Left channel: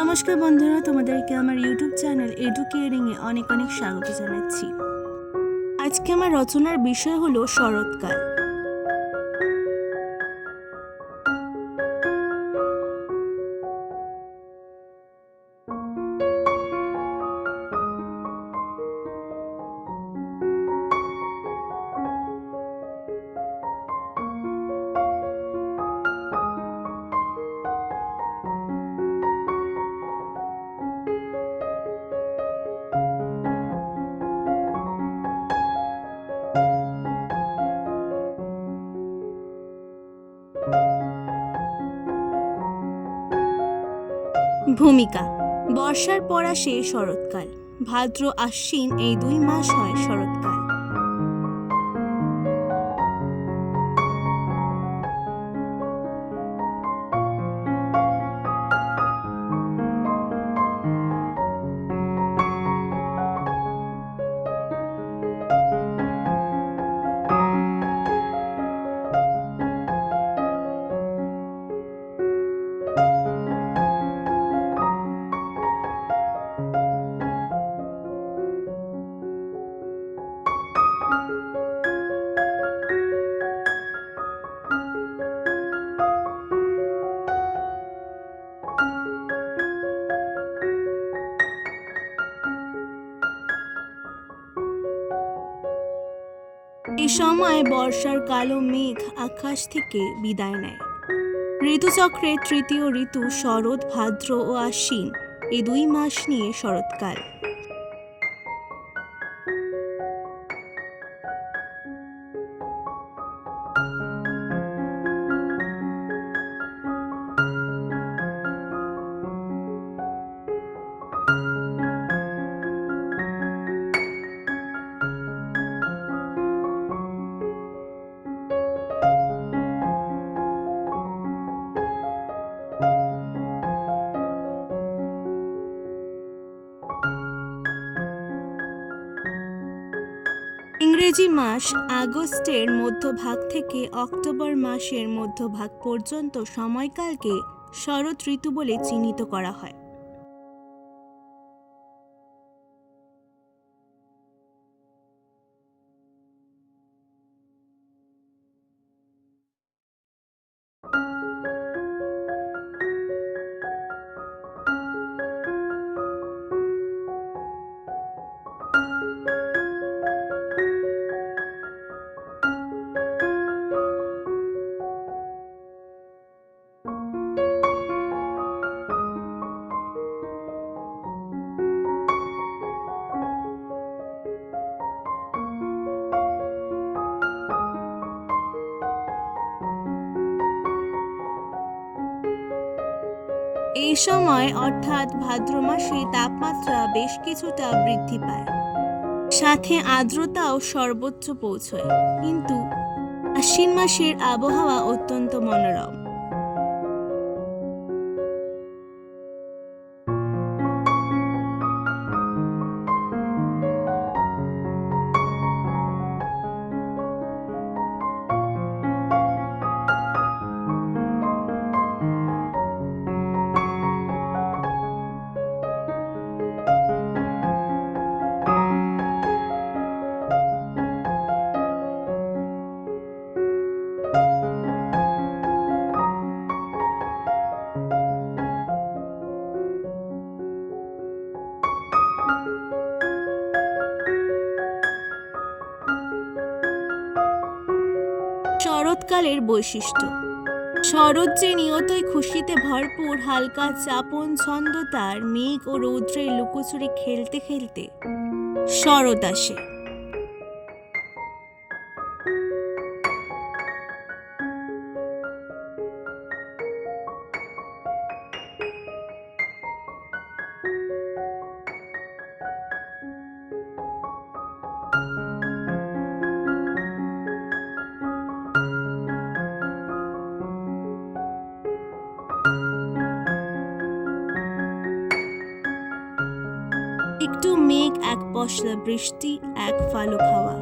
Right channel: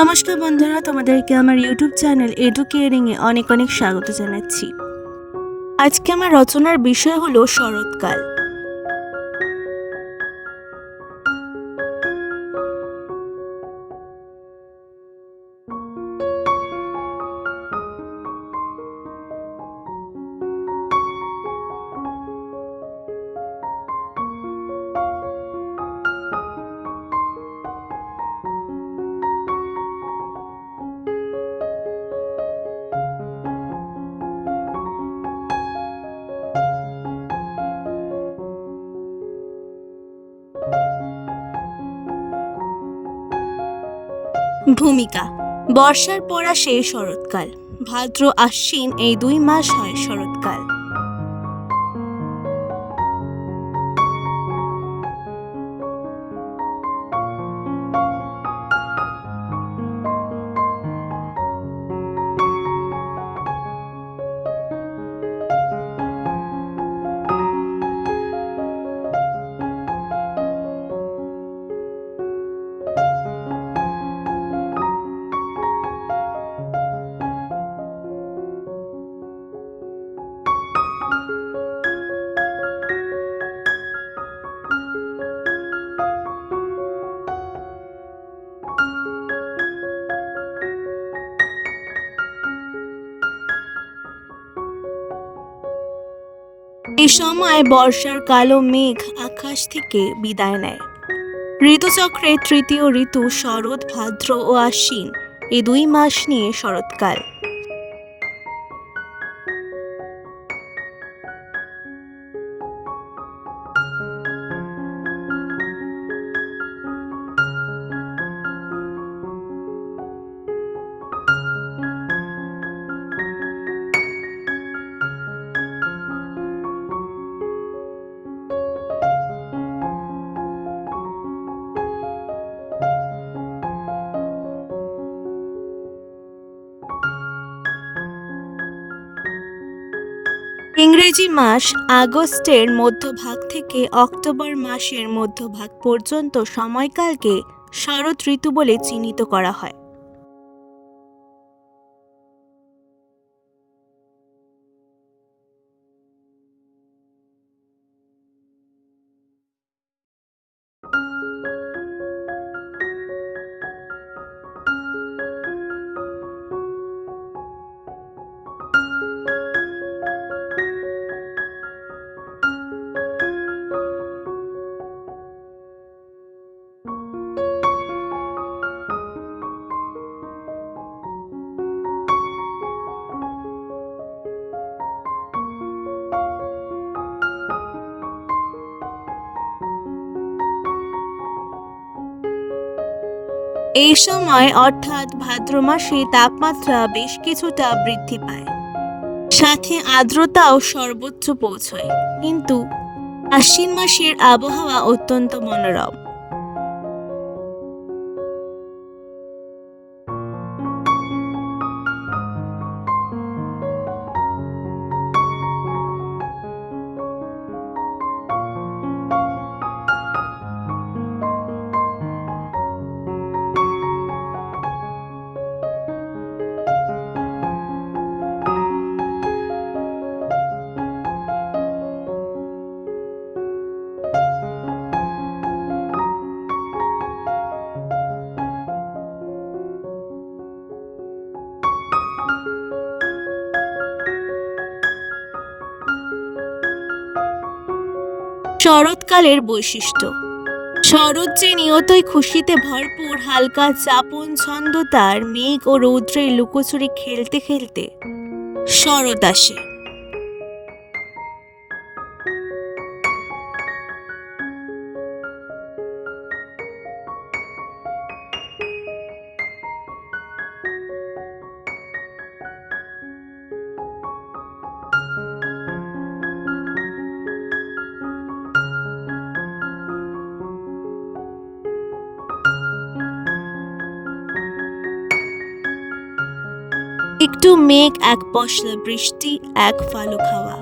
নমস্কার বন্ধুরা, তোমাদেরকে আমার ইউটিউব চ্যানেল এডুকেয়ারিং এ অনেক অনেক স্বাগত জানাচ্ছি। আজকে আমার রচনার বিষয় হলো শরৎকাল। ভূমিকা। বর্ষার পড়া সেই শরৎকাল। ভাদ্র আশ্বিন এই দুই মাস হয় শরৎকাল। এই সময় বর্ষার কালো মেঘ আকাশ থেকে বিদায় নেয়। ঋতুচক্রের তৃতীয় ঋতু শরৎ, ভাদ্র ও আশ্বিন, এ দুই মাস নিয়ে শরৎকাল। ইংরেজি মাস আগস্টের মধ্যভাগ থেকে অক্টোবর মাসের মধ্যভাগ পর্যন্ত সময়কালকে শরৎ ঋতু বলে চিহ্নিত করা হয়। এই সময়, অর্থাৎ ভাদ্র মাসে তাপমাত্রা বেশ কিছুটা বৃদ্ধি পায়। সাথে আর্দ্রতাও সর্বোচ্চ পৌঁছয়। কিন্তু আশ্বিন মাসের আবহাওয়া অত্যন্ত মনোরম। শরৎকালের বৈশিষ্ট্য। শরৎ যে নিয়তই খুশিতে ভরপুর, হালকা চাপন ছন্দ তার মেঘ ও রৌদ্রের লুকোচুরি খেলতে খেলতে শরৎ আসে। একটু মেঘ, এক পশলা বৃষ্টি, এক ফালুক খাওয়া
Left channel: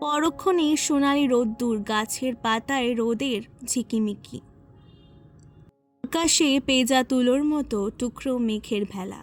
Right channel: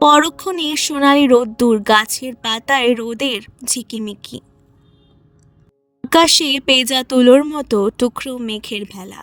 পরক্ষণে সোনালি রোদ্দুর গাছের পাতায় রোদের ঝিকিমিকি। আকাশে পেজা তুলোর মতো টুকরো মেঘের ভেলা।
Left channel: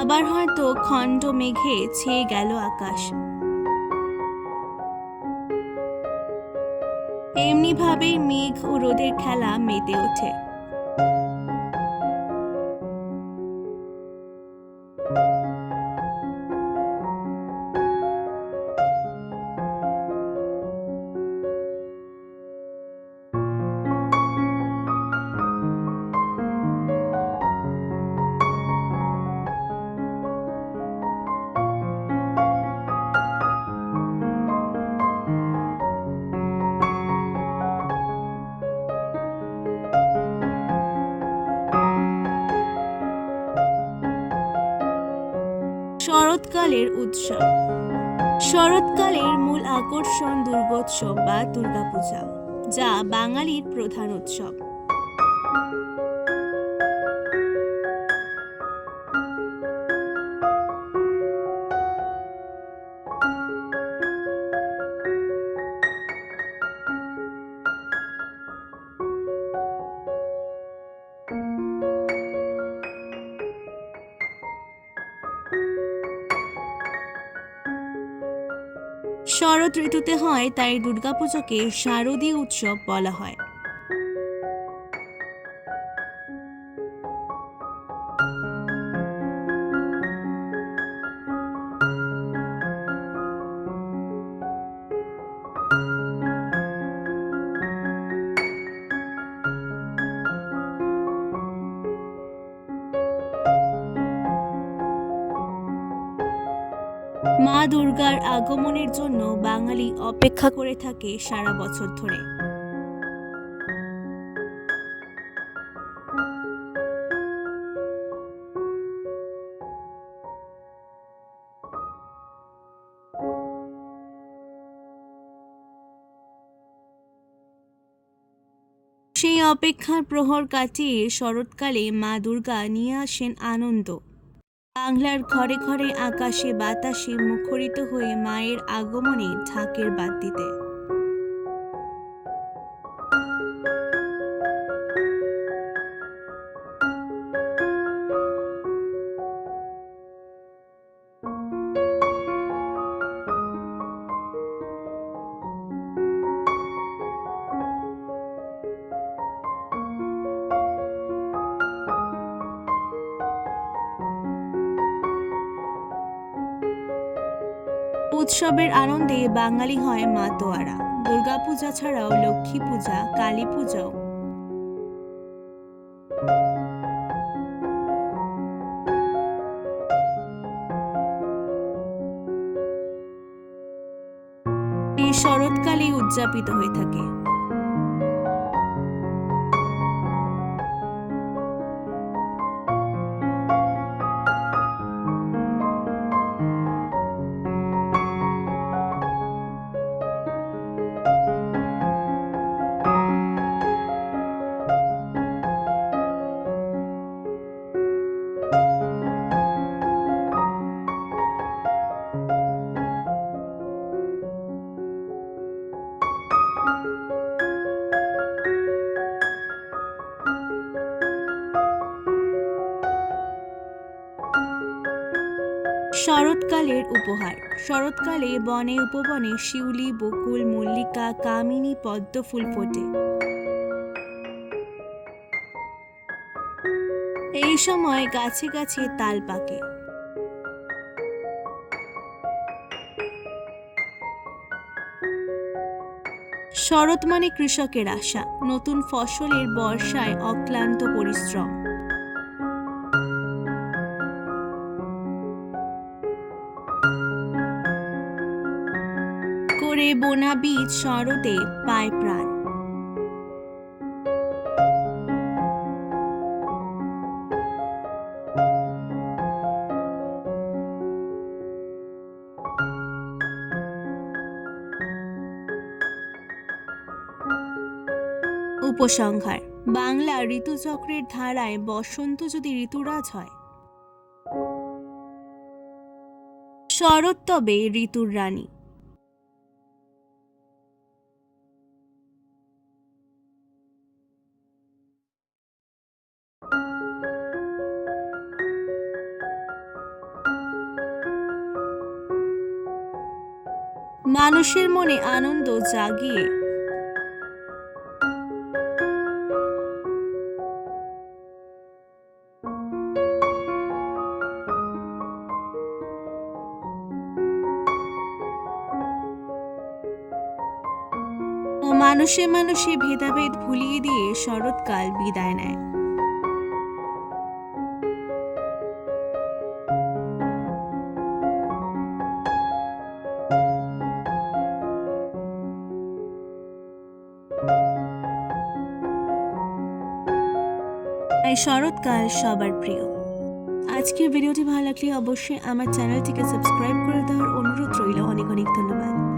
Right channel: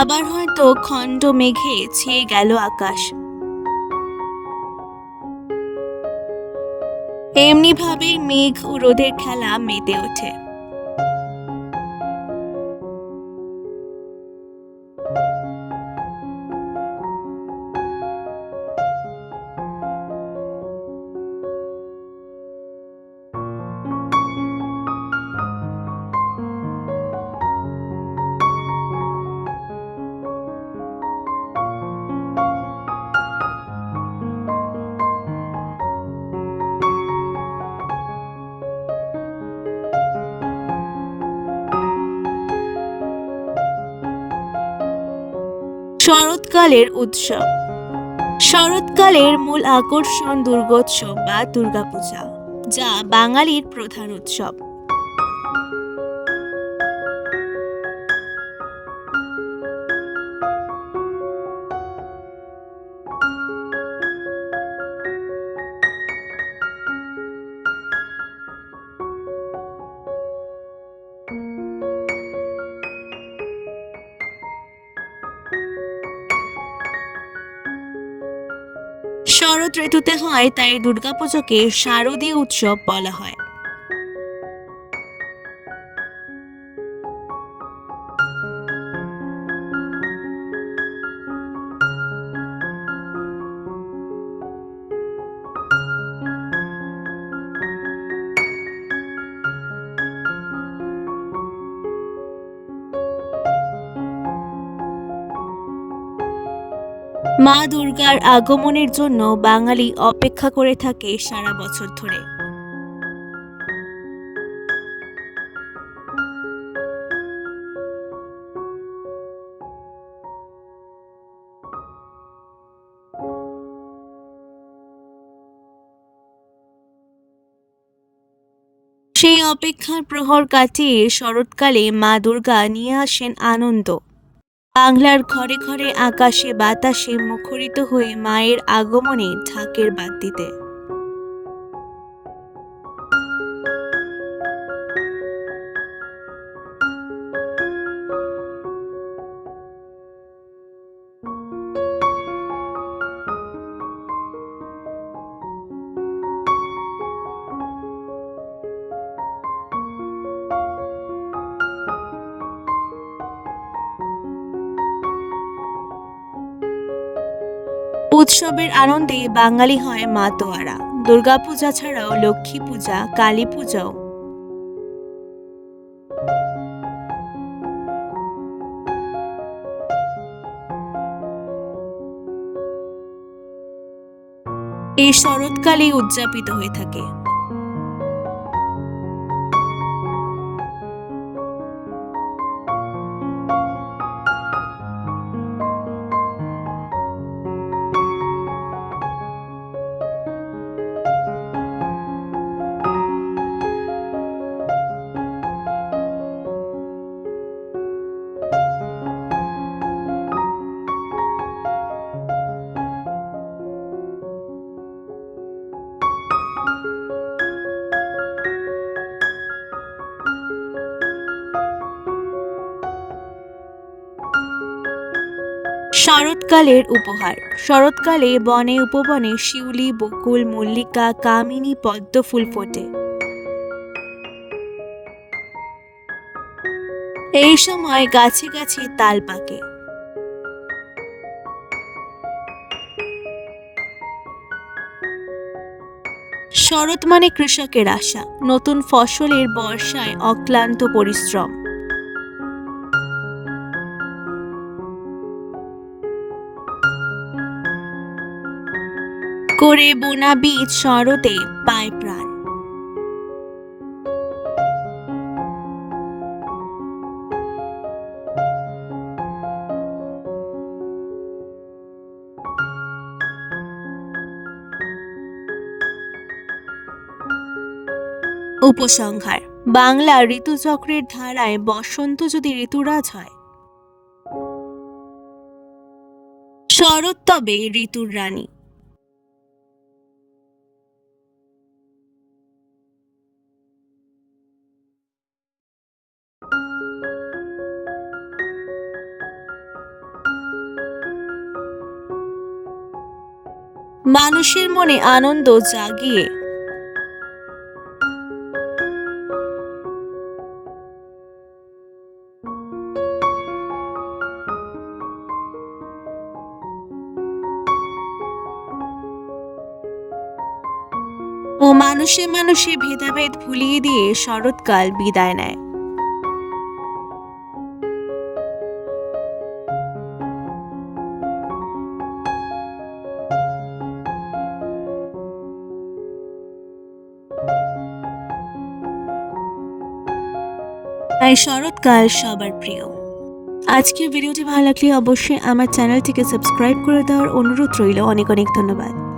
আবার হয়তো খণ্ড মেঘে ছেয়ে গেল আকাশ। এমনি ভাবেই মেঘ ও রোদের খেলা মেতে ওঠে। শরৎকালের উৎসব। শরৎকালের মূল আকর্ষণ দুর্গোৎসব বা দুর্গাপূজা যা বাঙালির প্রধান উৎসব। শরৎ ঋতুতে হয় তাই দুর্গাপুজোকে শারদীয় উৎসব বলা হয়। মা দুর্গার আগমনের জন্য বাঙালি অপেক্ষা করে থাকে সারা বছর ধরে। সেই অপেক্ষার প্রহর কাটিয়ে শরৎকালে মা দুর্গা নিয়ে আসেন আনন্দ। বাংলার ঘরে ঘরে আকাশে বাতাসে মুখরিত হয়ে মায়ের আগমনে ঢাকের বাদ উৎসবের আনন্দে বাঙালি হয় মা মাতোয়ারা দুর্গাপূজা ছাড়াও লক্ষ্মী পূজা, কালী পূজাও। এই শরৎকালে উদযাপিত হয়ে থাকে। শরৎকালের উপহার। শরৎকালে বনে উপবনে শিউলি, বকুল, মল্লিকা, কামিনী, পদ্ম ফুল ফোটে। এই সময় গাছে গাছে তাল পাকে। শরৎ মানে কৃষকের আশা। নতুন ফসলের বর্ষায় অক্লান্ত পরিশ্রম। ঝরে বোনা বীজ শরতে পায় প্রাণ। উপসংহার, বাংলা ঋতুচক্রের ধারায় বসন্ত যদি ঋতুরাজ হয়। শরৎ তবে ঋতুর রানী। মানুষের মনে আনন্দ জাগিয়ে। ও মানুষে মানুষে ভেদাভেদ ভুলিয়ে দিয়ে শরৎকাল বিদায় নেয়। তাই শরৎকাল সবার প্রিয়। আজকের ভিডিওটি ভালো লাগলে অবশ্যই আমার চ্যানেলটিকে সাবস্ক্রাইব করে দেওয়ার অনুরোধ রইল। অনেক অনেক ধন্যবাদ।